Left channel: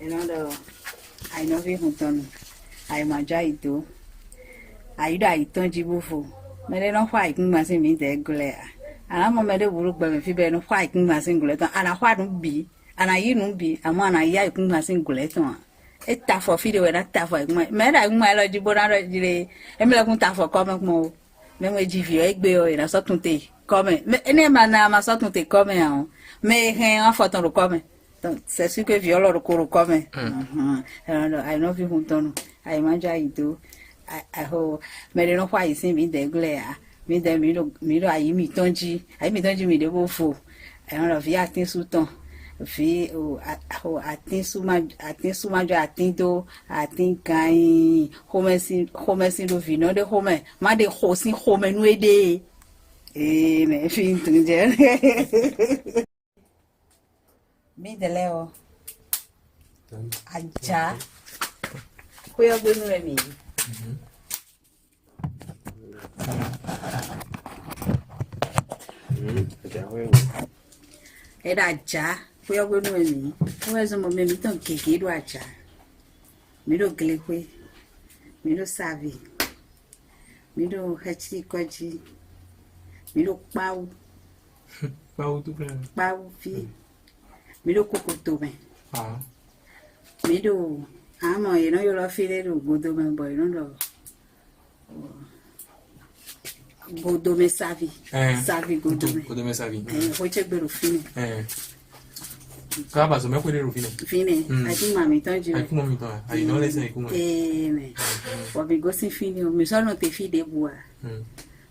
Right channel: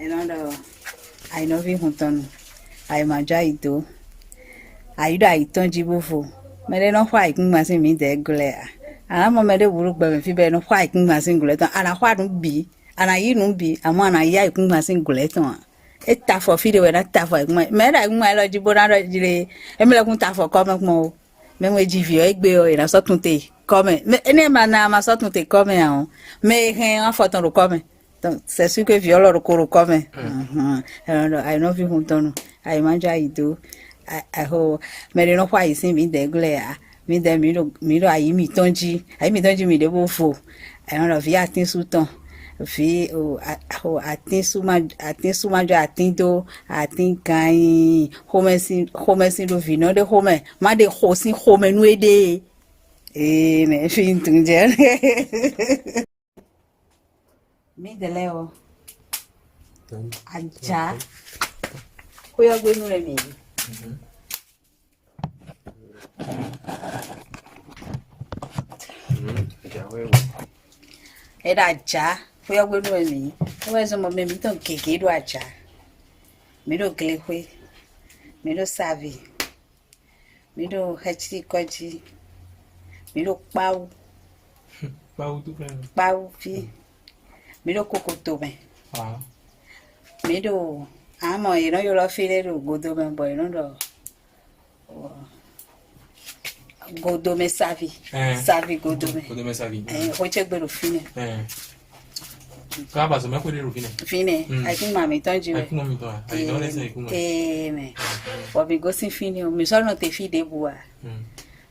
Enodo I know vi hunton I maja ito I do I ton jibufo me no why kin masin mi de gule ana mo me de wuru gba me fi be no why kin masin gule ton ana why no bi ana yi no bi ama ana ya kin masin gule ton eta for fi de we na ta for me da gun lo jibo na ro jire e me le kun ta for come mo me we jivi o egbe o ina so tun te come ene ma na ma so tun te come an me hen an for ton ro come donc c'est sûr que viol ro ko ro come I know vi hunton I manja ido I ho me no why sin mi de gule mi de mi do ayi mi tonji mi de bo fo I don't know vi atin su ton fi o atin su ma jo atin do atin kan home sin do vi no de home ma de ho sin home nu ede me fi ntunje mi de leo aja ko yo gbe nu re mi era aja foi algo no mim mas o momento então que do aja me do gleque me do sabe me do hati koji me do pau tu bem. pau fi me do cocoto bem Ah. me do amo e no yo lo file do godo bem boy no do godo me sabe sabe godo me Godo me sabe ho che gbero fine Ka ba so me ko de ro fine I think mami tonji ai kuma mi to ai no le sai kuma ne o bi go sin fine o mi so no te fi de bua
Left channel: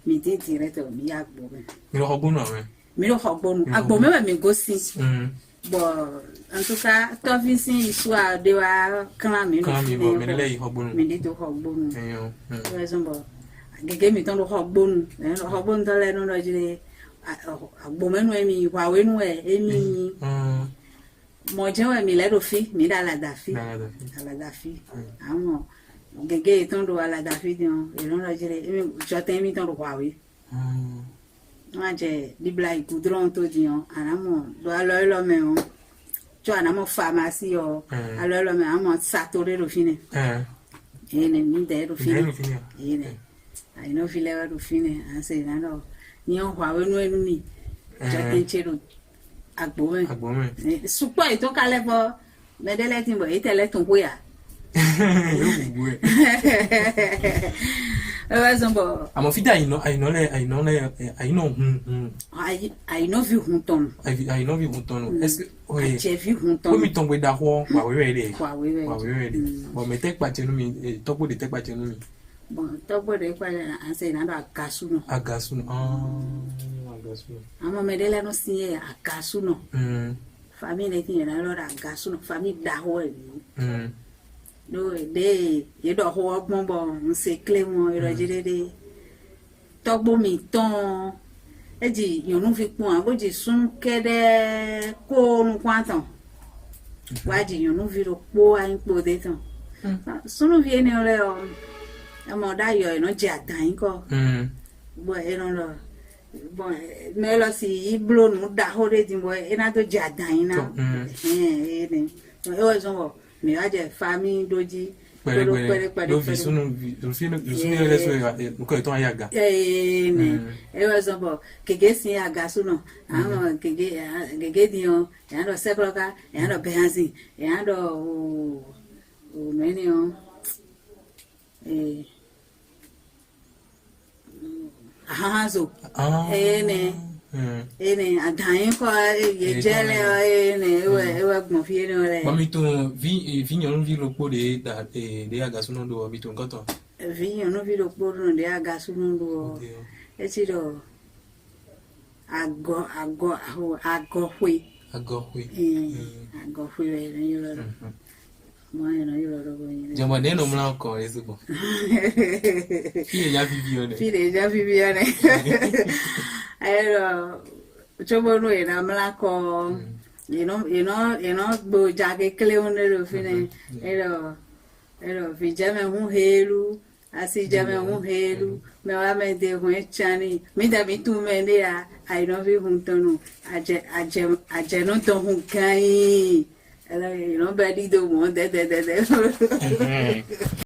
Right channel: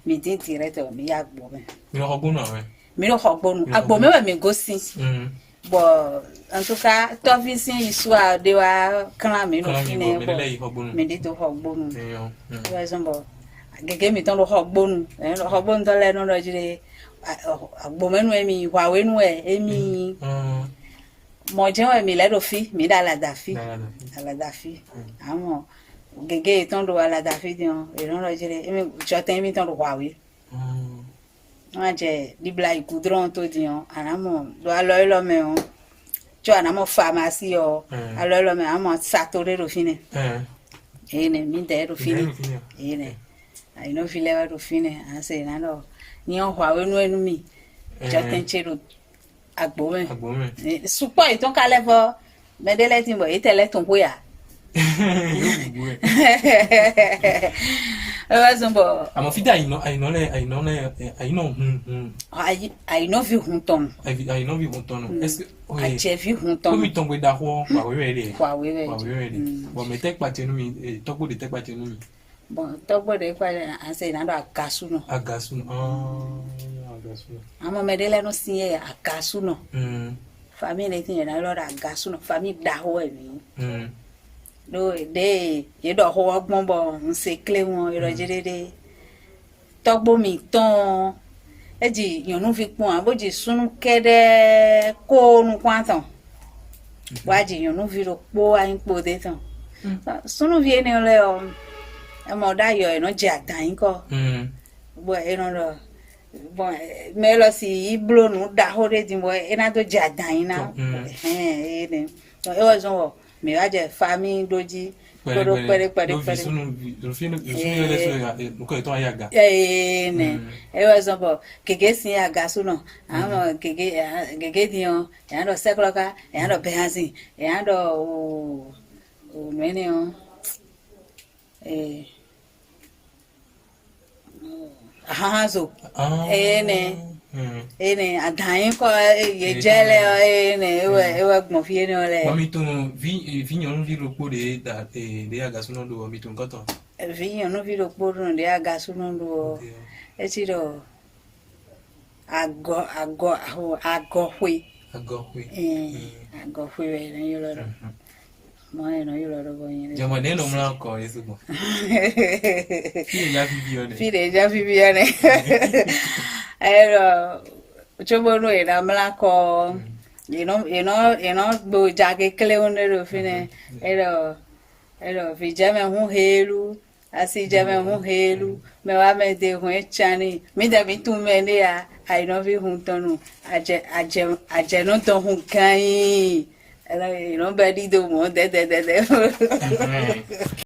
mi tin direto mi ya gbo me mi no hogbonu awen mi no hogbonu agbo me mi go sin bo en tout cas to fi sin histoire de wa kan mi no fine mi le hogbonu mi de to hogbonu yo par exemple gege mi ton do hogbonu hogbonu to le no do jire agbo me no mi wa we nu mi mo je wa mi le do fi mi da la da fi àwọn gege ton do la da fi dion e no do jire mi jo ten mi ton do wa we wọ́n jẹ́ dibla ikudron tó diyan anamo do alo me on jo anamo pharmacie o alo me amo satore ro fine ene mi de ro fine ene ai no file ro fine anse na no ni on wa we nu enu mi jo ten chero agbo me supo iton kale fo medele tin bo itele tun boya Amo fida I know vi hunton est-ce que I che vi hunton ko mi ton gbe da ho wa we re bo me tek pa chenu mi to gbo de tek pa chenu mi bon to gbo de pa anse na do agasu no amo medele no sin agasu no famille tin na lo agasu no famille da ho e no de ye do ho ogbon bo nse kle won irojirere togbo mi ton eji yonu fi pon aboji sunu kede ko nu kwantan waji yonu fi ro po ayin po de tan sunu vi ene ole o e mo da yo e no je atan ko bo e no lo bo me lo si iblo nu da ho de din bo e na to je atan na ene e o zo mi wa je famille doji pere do vi sunu le so ko to ayaga ne e wa zo bo kege sin aga suno amo kege dion ya do sekloka ya do behansi ya do o mene o hazo ene adain ko ye jele ene ewe gbon fi ene ole mami tun vi yon vi ro po de agasuno do mi tun koto vi yon vi ro po de agasuno do e ti do ago hwe we yo lo mo eno yo lo bo yin jamo ne no mla ko esugo fi ja vivione ero chomo no era mla ko you know bo jage kle onero fine ero fi jame hu helu asi jame hu helu me wa me de hu chani mi de bi tu me ne ya I no vi hun tonu aje no to hun kai Era, you know, bedi do mo, de. Mhm.